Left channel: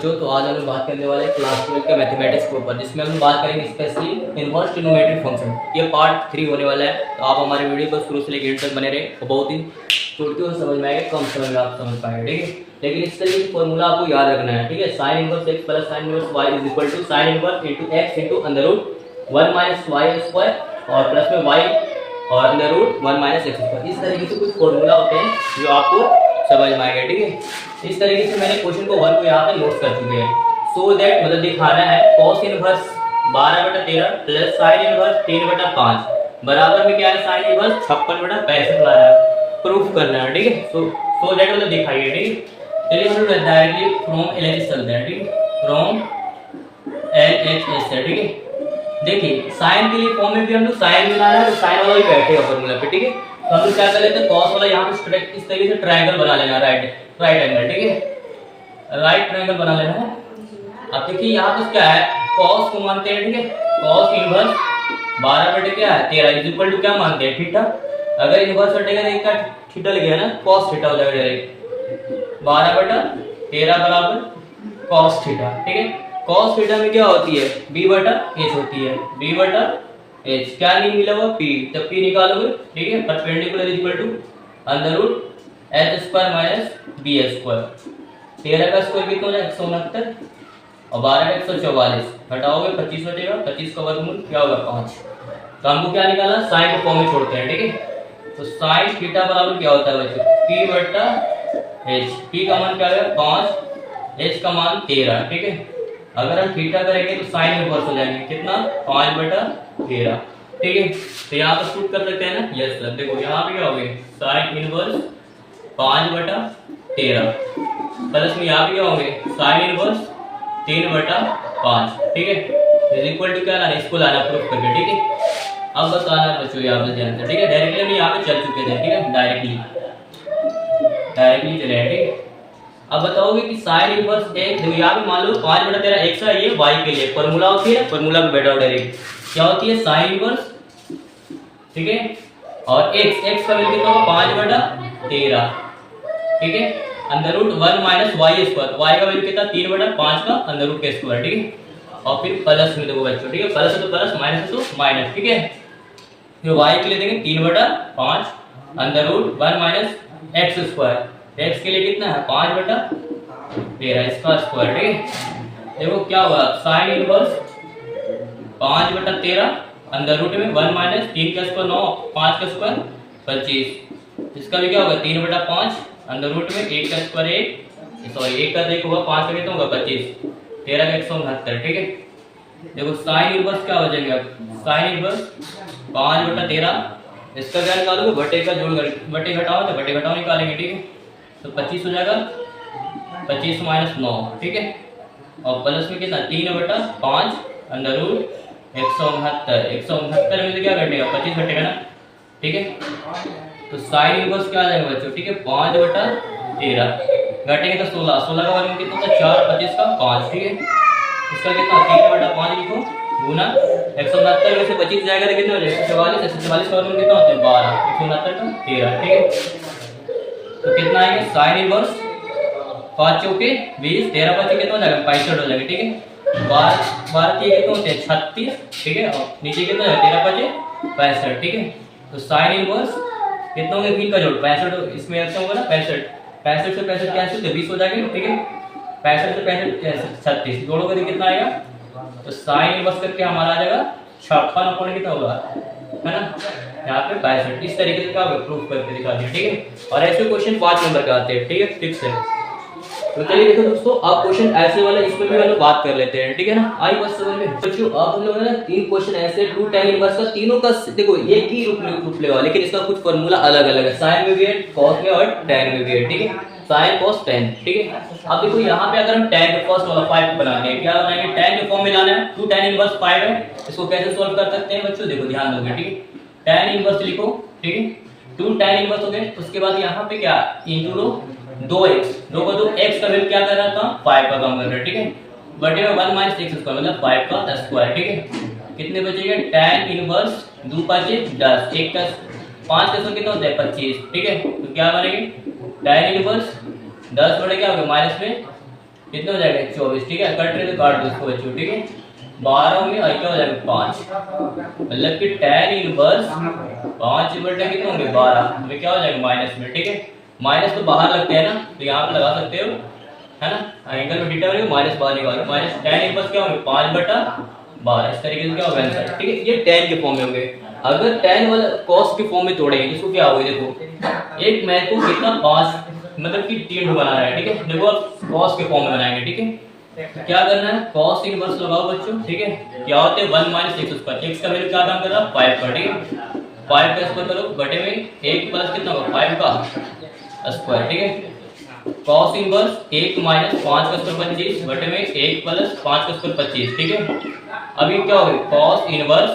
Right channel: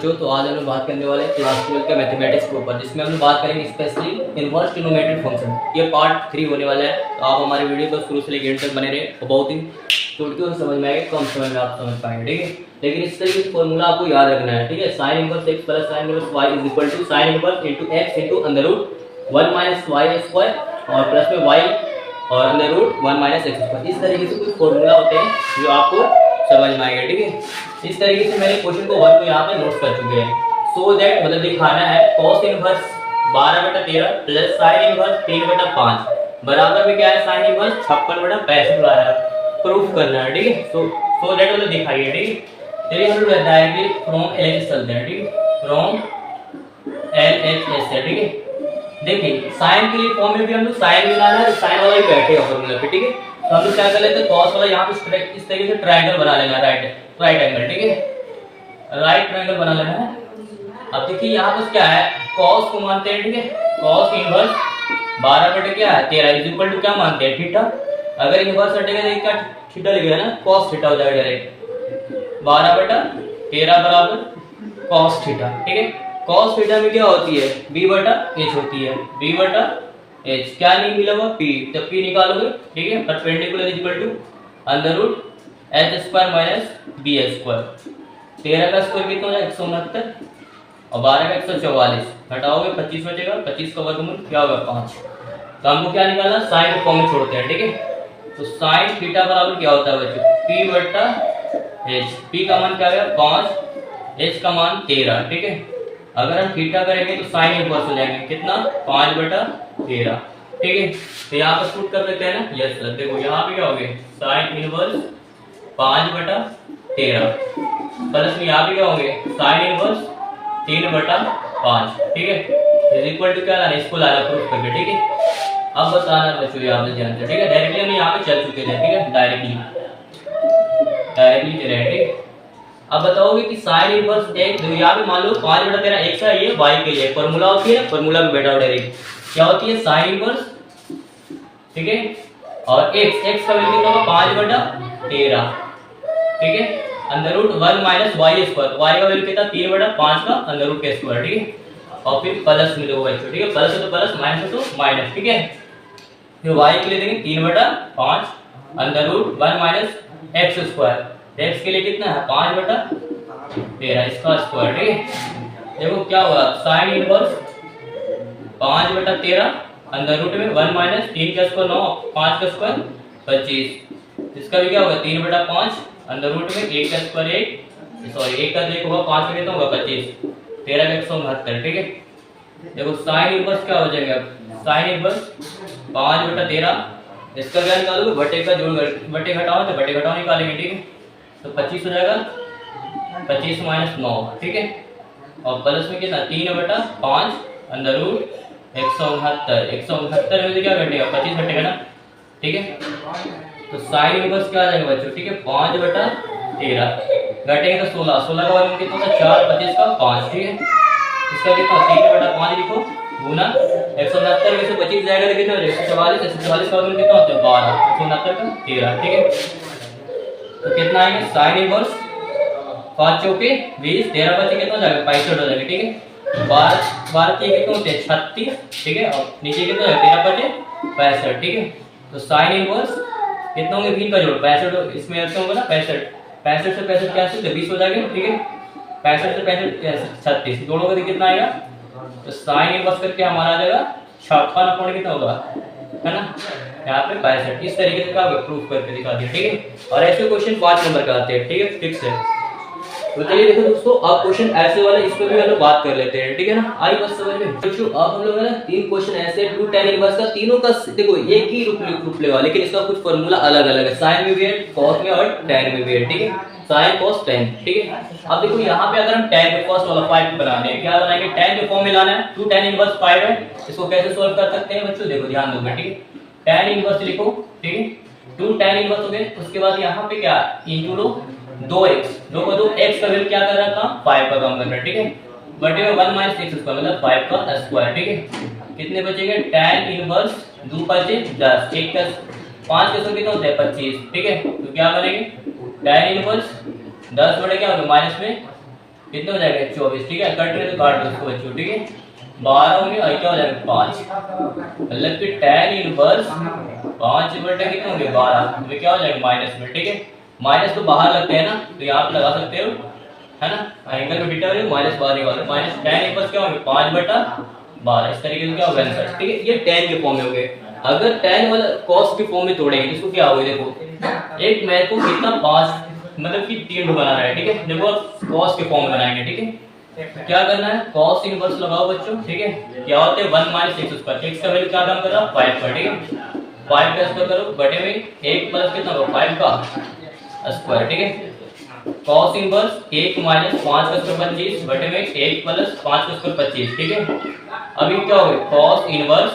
बच्चों, तो आज हम लोग बात करने वाले हैं क्लास 12 के मैथमेटिक्स के ऊपर, जिसमें हम लोग बात करेंगे स्पेशली इनवर्स ट्रिग्नोमेट्रिक फंक्शन। ये पार्ट 3 होने वाला है, तो आप हमारे वीडियो को शुरू से लेकर एंड तक बने रहे और बहुत ही चुटकियों से समझ में आएगा, कम समय में आप समझ पाएंगे। ठीक है, लेकिन इस तरीके से फॉर्मूला आपको याद रखना है। ठीक है, sine inverse x plus sine inverse y is equal to sine inverse into x into under root 1 minus y square और प्लस में वाई और under root 1 minus x square. इस तरीके से कुछ फॉर्मूला होते हैं जो आपको समझ में आएगा। ठीक है, इस तरीके से मैंने क्वेश्चन को 1 को यहाँ पे नोट कर चुके हैं। सो दैट मतलब दिखाना है cos inverse 12/13 plus sine inverse 3/5 बराबर में क्या है साइन इनवर्स 56/65 आ रहा है, प्रूफ करना है। ठीक है, सो दैट मतलब दिखाइए। ठीक है, चलिए हम लोग डायरेक्टली फ्रॉम एलएचएस चलते हैं। ठीक है, फ्रॉम एलएचएस है। ठीक है, देखिए साइन के लिए फॉर्म में भी हम लोग साइन मिलाना है, तो साइन वाला ही बैठेगा फॉर्मूला पे। ठीक है, तो हम लोग क्या कर लेते हैं, cos वाला यहाँ पे इस तरीके से ट्रायंगल बना लेना, राइट एंगल। ठीक है, राइट ट्रायंगल बना लेना है। अब देखिए यहाँ पर क्या है, cos को मानते हैं। ठीक है, cos इनवर्स 12 क्या है 13 इज इक्वल टू क्या मानते हैं थीटा। अगर इनवर्स हटेगा तो क्या थीटा लिखेगा ना, cos थीटा हो जाएगा डायरेक्ट 12/13 बराबर cos थीटा। ठीक है, cos थीटा में क्या होती है b/h होती है, b/h क्या नहीं मिला हुआ p, तब p निकालोगे। ठीक है, perpendicular is equal to under root h square minus b square. 13 का स्क्वायर कितना हो जाएगा 169 और 12 का 144, घटाओगे 25 बचेगा, 25 का वर्गमूल क्या होगा 5। तो हमको क्या निकालना, साइन को फॉर्म में छोड़ते हैं। ठीक है, तो साइन थीटा बराबर क्या होता है बच्चों p/h, p का मान क्या आएगा 5, h का मान 13। ठीक है, अगर हम थीटा करेंगे तो साइन इनवर्स हो जाएंगे कितना 5/13। ठीक है, तो यहाँ पर शूट कर सकते हैं ना, यस सर। देखो यहाँ पे क्या हो गया साइन इनवर्स 5/13 प्लस में यहाँ पे क्या होंगे साइन इनवर्स 3/5। ठीक है, इज इक्वल टू क्या लाना, इसको लाना प्रूफ करके। ठीक है, अब बताना बच्चों यहाँ पे ध्यान से। ठीक है, डायरेक्टली हम यहाँ पे चल चुके थे। ठीक है, डायरेक्टली चले। ठीक है, अब बताओगे कि साइन इनवर्स एक, देखो यहाँ पे मान लो 5/13 x है, ये y के लिए फॉर्मूला होती है, फॉर्मूला में बैठा डायरेक्ट क्या होती है साइन इनवर्स। ठीक है, और x का वैल्यू कितना होगा 5/13। ठीक है, under root 1 minus y square, y का वैल्यू कितना 3/5 का अंडर रूट के स्क्वायर। ठीक है, और फिर प्लस में देखो बच्चों। ठीक है, प्लस है तो प्लस, माइनस है तो माइनस। ठीक है, फिर y के लिए देंगे 3/5 under root 1 minus x square, x के लिए कितना है 5/13 इसका स्क्वायर। ठीक है, देखो क्या हुआ साइन इनवर्स 5/13 अंडर रूट में 1 माइनस 3 का स्क्वायर 9, 5 का स्क्वायर 25, इसका भी क्या होगा 3/5 अंडर रूट में 1 का स्क्वायर 1, सॉरी 1 का 1 होगा 5 का कितना होगा 25, 13 का 169। ठीक है, देखो साइन इनवर्स क्या हो जाएगा, साइन इनवर्स 5/13 इसका क्या निकालोगे बटे का जोड़, बटे घटाओ तो बटे घटाओ निकालेंगे। ठीक है, तो 25 हो जाएगा 25 माइनस 9। ठीक है, और प्लस में कितना 3/5 अंडर रूट 169 में तो क्या घटेगा 25 घटेगा ना। ठीक है, तो साइन इनवर्स क्या आ जाएगा बच्चों। ठीक है, 5/13 घटेगा तो 16 का वर्ग कितना होता है 4, 25 का 5। ठीक है, इसका कितना 3/5 लिखो गुना 169 में से 25 जाएगा तो कितना हो जाएगा 144, 144 का वर्ग कितना होता है 12, 169 का 13। ठीक है, तो कितना आएगा साइन इनवर्स 5 चौके 20, 13 बचे कितना हो जाएगा 65 हो जाएगा। ठीक है, 12 के कितना होते हैं 36। ठीक है, और नीचे कितना है 13 बचे 65। ठीक है, तो साइन इनवर्स कितना होंगे 20 का जोड़ 65, इसमें ऐसा होगा ना 65 से 65 कैंसिल तो 20 हो जाएगा। ठीक है, 65 से 65 36 जोड़ोगे तो कितना आएगा, तो साइन इनवर्स करके हमारा आ जाएगा 56 कितना होगा है ना यहाँ पे 62। इस तरीके से का प्रूफ करके दिखा दिया। ठीक है, और ऐसे क्वेश्चन 5 नंबर का आते हैं। ठीक है, फिक्स है। तो चलिए देखो दोस्तों, अब क्वेश्चन ऐसे वाला इसमें भी हम लोग बात कर लेते हैं। ठीक है ना, आई बस समझ में बच्चों। अब हम लोग है ना 3 क्वेश्चन ऐसे 2 tan इनवर्स का, तीनों का देखो एक ही रूप लेगा, लेकिन इसका कुछ फॉर्मूला अलग अलग है, साइन में भी है, cos में और tan में भी है। ठीक है, साइन cos tan। ठीक है, अब देखो यहाँ पे अगर हम tan के cos वाला 5 बनाने हैं, क्या बनाएंगे tan के फॉर्म में लाना है, 2 tan इनवर्स 5 है, इसको कैसे सोल्व कर सकते हैं बच्चों, देखो ध्यान दो। ठीक है, tan इनवर्स लिखो। ठीक है, 2 tan इनवर्स हो गए, उसके बाद यहाँ पे क्या इंटू लो 2x, 2 को 2 x का वैल्यू क्या कर रहा था 5 का काम कर रहा है। ठीक है, बटे में 1 माइनस x स्क्वायर मतलब 5 का स्क्वायर। ठीक है, कितने बचेंगे tan इनवर्स 2 5 10, 1 का 5 का स्क्वायर कितना होता है 25। ठीक है, तो क्या बनेंगे tan इनवर्स 10 बटे क्या होगा माइनस में कितने हो जाएगा 24, ठीक है। कट रहे तो काट दो उसको बच्चों, ठीक है। 12 होंगे और क्या हो जाएगा 5, मतलब कि tan इनवर्स 5 बटे कितने होंगे 12, तो क्या हो जाएगा माइनस में, ठीक है। माइनस तो बाहर लगते हैं ना, तो यहाँ पे लगा सकते हो, है ना। एंगल में थीटा में माइनस बाहर निकालो, माइनस tan इनवर्स क्या होंगे 5 बटा 12, इस तरीके से क्या होगा आंसर, ठीक है। ये tan के फॉर्म में होंगे। अगर tan वाला cos के फॉर्म में तोड़ेंगे इसको क्या होगा, देखो एक मैथ को कितना 5 मतलब कि 3 बनाना है, ठीक है। देखो cos के फॉर्म में बनाएंगे, ठीक है। क्या करना है, cos इनवर्स लगाओ बच्चों, ठीक है। क्या होते हैं 1 माइनस x स्क्वायर, x का वैल्यू क्या काम कर रहा है 5 का, ठीक है। 5 का स्क्वायर करो बटे में 1 प्लस कितना होगा 5 का स्क्वायर, ठीक है। cos इनवर्स 1 माइनस 5 का स्क्वायर 25 बटे में 1 प्लस 5 का स्क्वायर 25, ठीक है। अभी क्या होगा cos इनवर्स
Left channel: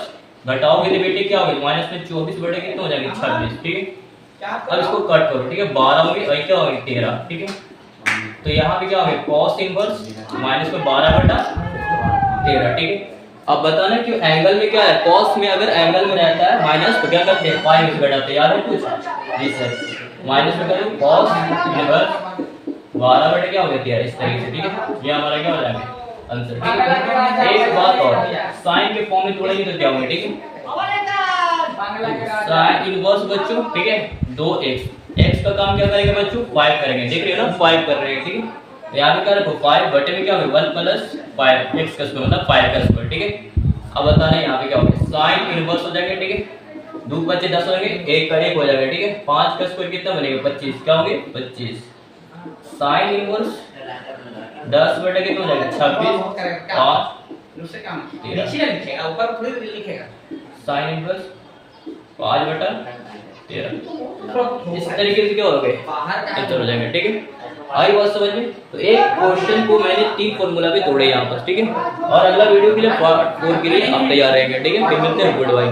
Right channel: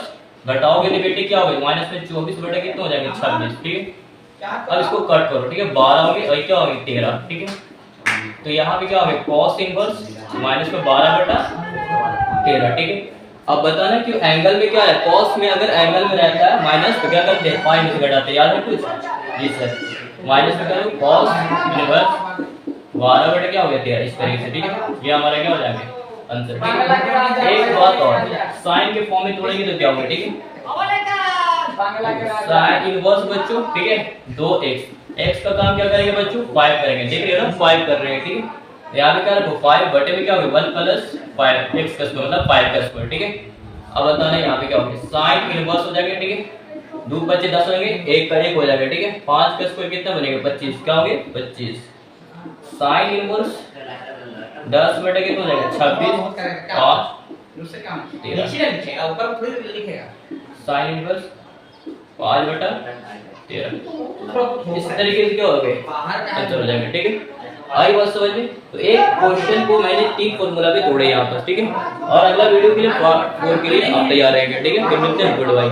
घटाओगे तो बेटे क्या होगा माइनस में 24 बटे कितना हो जाएंगे 26, ठीक है। अब इसको कट करो, ठीक है। 12 होंगे और क्या होंगे 13, ठीक है। तो यहाँ पे क्या होगा cos इनवर्स माइनस में 12 बटा 13, ठीक है। अब बताना कि एंगल में क्या है, cos में अगर एंगल में रहता है माइनस तो क्या करते हैं पाई में घटाते हैं, याद है कुछ जी सर। माइनस में करो cos इनवर्स 12 बटे क्या हो गया 13, इस तरीके से, ठीक है। ये हमारा क्या हो जाएगा आंसर, ठीक है। एक बात और, साइन के फॉर्म में तोड़ेंगे तो क्या होगा, ठीक है। साइन इनवर्स बच्चों, ठीक है 2x, x का काम क्या करेंगे बच्चों 5 करेंगे, देख रहे हो ना 5 कर रहे हैं, ठीक है। यहाँ पे क्या रखो 5 बटे में क्या होगा 1 प्लस 5 x का स्क्वायर मतलब 5 का स्क्वायर, ठीक है। अब बताना यहाँ पे क्या होगा साइन इनवर्स हो जाएगा, ठीक है। 2 बचे 10 होंगे, 1 का 1 हो जाएगा, ठीक है। 5 का स्क्वायर कितना बनेगा 25, क्या होंगे 25। साइन इनवर्स 10 बटे कितना हो जाएगा 26 और नीचे लिखेगा ऊपर थोड़ी लिखेगा। साइन इनवर्स 5 बटा 13, इस तरीके से क्या हो गया आंसर हो जाएगा, ठीक है। आई बात समझ में। तो एक क्वेश्चन को मैंने 3 फॉर्मूला भी तोड़े यहाँ पर, ठीक है। और अगला वीडियो के लिए पार्ट 4 के लिए आप तैयार रहेंगे, ठीक है। फिर मिलते हैं, गुड बाय।